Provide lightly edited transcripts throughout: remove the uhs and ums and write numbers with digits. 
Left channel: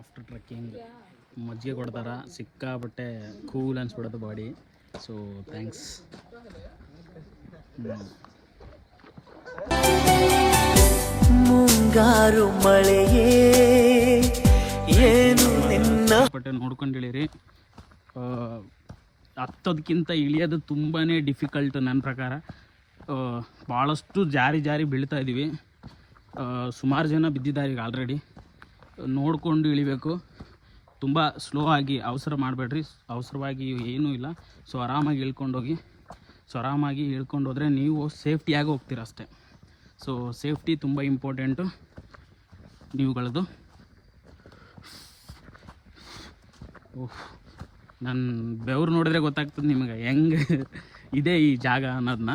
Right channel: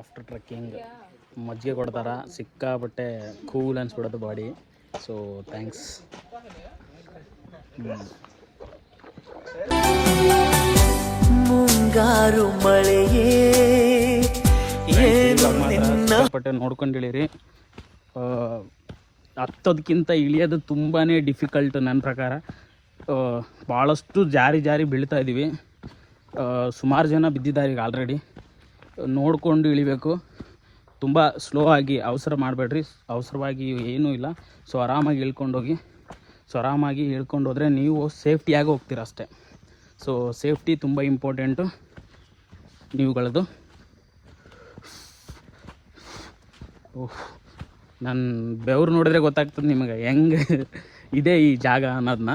After trekking ಮಜ್ಜಿಗೆ ಕೊಡ್ತಾರೆ, ಸಿಕ್ಕಾಬಟ್ಟೆ ಕೂಲ್ ಅನ್ಸ್ಬಿಡೋದು ಬಾಡಿ. So thanks. ಮುಂಗಾರು ಮಳೆಯೇ ಏನು ನಿನ್ನ ಬಟ್ಟೆ ನೋಡ್ಕೊಂಡಿಳಿರಿ. ಹತ್ತೋದಕ್ಕಿಂತ ಇಳಿಯೋದು ತುಂಬಾ ಡಿಫಿಕಲ್ಟ್ ನನ್ನ ಪ್ರಕಾರ. ಭಾಳಷ್ಟು ಜಾರಿ ಬೀಳ್ತಾ ಇದ್ದೀವಿ. ಸುಮಾರು ಜನ ಬಿದ್ದಿದ್ದಾರೆ ಈಗ ಆಲ್ರೆಡಿ. ನೋಡಿಕೊಂಡು ಇಳಿಬೇಕು, ತುಂಬ ಸ್ಲೋ ಆಗಿ, ಅವಸರ ಮಾಡಬೇಡ್ರಿ. ಅವಸರವಾಗಿ ಏನೂ ಇಲ್ಲ. ಸೊ ಆರಾಮಾಗಿ ಇಳ್ಕೊಂಡೋಗಿ. ಸೊ ಆರಾಮಾಗಿ ಇಳ್ಕೊಂಡು ಹೋದರೆ ನೀವು ಸೇಫ್ಟಿಯಾಗಿ ಹೋಗ್ತೀರ ಅಷ್ಟೇ. ಸೊ ಸೇಫ್ಟಿ ತುಂಬ ಇಂಪಾರ್ಟೆಂಟು ನೀವುಗಳದು. ನನ್ನ ಬೆವರು ನೋಡಿದ್ರೆ ಗೊತ್ತಾಗ್ತದೆ ನಿಮಗೆ ಹೆಂಗೆ ಇದೆ ಈ ಜಾಗ ಅನ್ನೋದನ್ನ.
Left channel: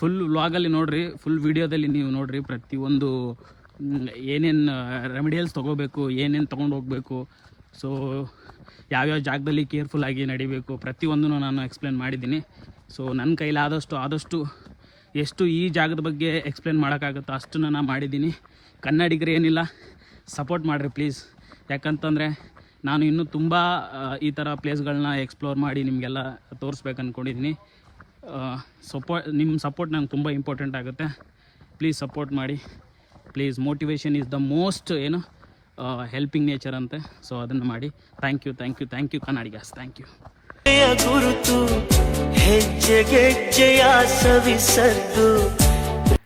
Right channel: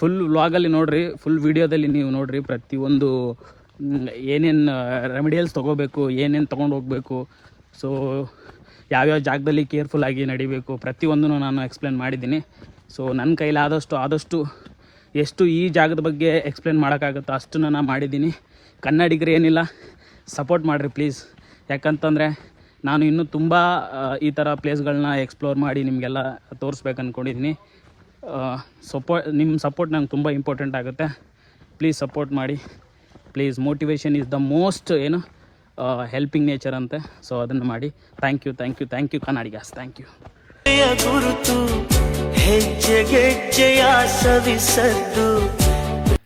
ಫುಲ್ ವ್ಲಾಗಲ್ಲಿ ನೋಡಿರಿ, ಫುಲ್ ವೀಡಿಯೋದಲ್ಲಿ ನೀವು ನೋಡಿರಿ. ಪ್ರತಿಯೊಂದು ಏನೇನು ರೆಮಿಡಿಯಲ್ಸ್ ತೊಗೋಬೇಕು, ಏನೇನು ತೊಗೊಂಡು ಹೋಗಬೇಕು, ಸೊ ಯಾವ್ಯಾವ ಜಾಗದಲ್ಲಿ ಕೇರ್ಫುಲ್ಲಾಗಿ ನಡಿಬೇಕು, ಪ್ರತಿಯೊಂದೂ ನಾನು ಎಕ್ಸ್ಪ್ಲೇನ್ ಮಾಡಿದ್ದೀನಿ. ಸೊ ನನ್ನ ಕೈಲಾದಷ್ಟು ಎಷ್ಟು ಈ ಜಾಗದ ಬಗ್ಗೆ ಎಕ್ಸ್ಪ್ಲೇನ್ ಮಾಡೋಕ್ಕಾಗುತ್ತೋ ಅಷ್ಟು ನಾನು ಮಾಡಿದ್ದೀನಿ. ಕನ್ನಡಿಗರು ಏನಿಲ್ಲ, ಸಪೋರ್ಟ್ ಮಾಡಿರಿ ಪ್ಲೀಸ್. ಯಾಕಂತಂದರೆ ನಾನು ಇನ್ನೂ ತುಂಬ ಈ ಥರ ಪ್ಲೇಸ್ಗಳನ್ನ ಎಕ್ಸ್ಪ್ಲೋರ್ ಮಾಡಿ ನಿಮಗೆಲ್ಲ ತೋರಿಸ್ಬೇಕು ಅಂದ್ಕೊಂಡಿದ್ದೀನಿ. ನಿಮ್ಮ ಸಪೋರ್ಟ್ ನಂಗೆ ತುಂಬ ಇಂಪಾರ್ಟೆಂಟ್ ಆಗುತ್ತೆ. ಪ್ಲೀಸ್ ಸಪೋರ್ಟ್ ಮಾಡಿ please. Motivation is the most helping nature ಅಂತೆ. ಸೊ ಅದನ್ನು ಮಾಡಿ. Thank you Kannadigas. Thank you. ಗುರುತು ಹೆಜ್ಜೆಗೆಜ್ಜೆಯ ಸವಿಸದ್ದು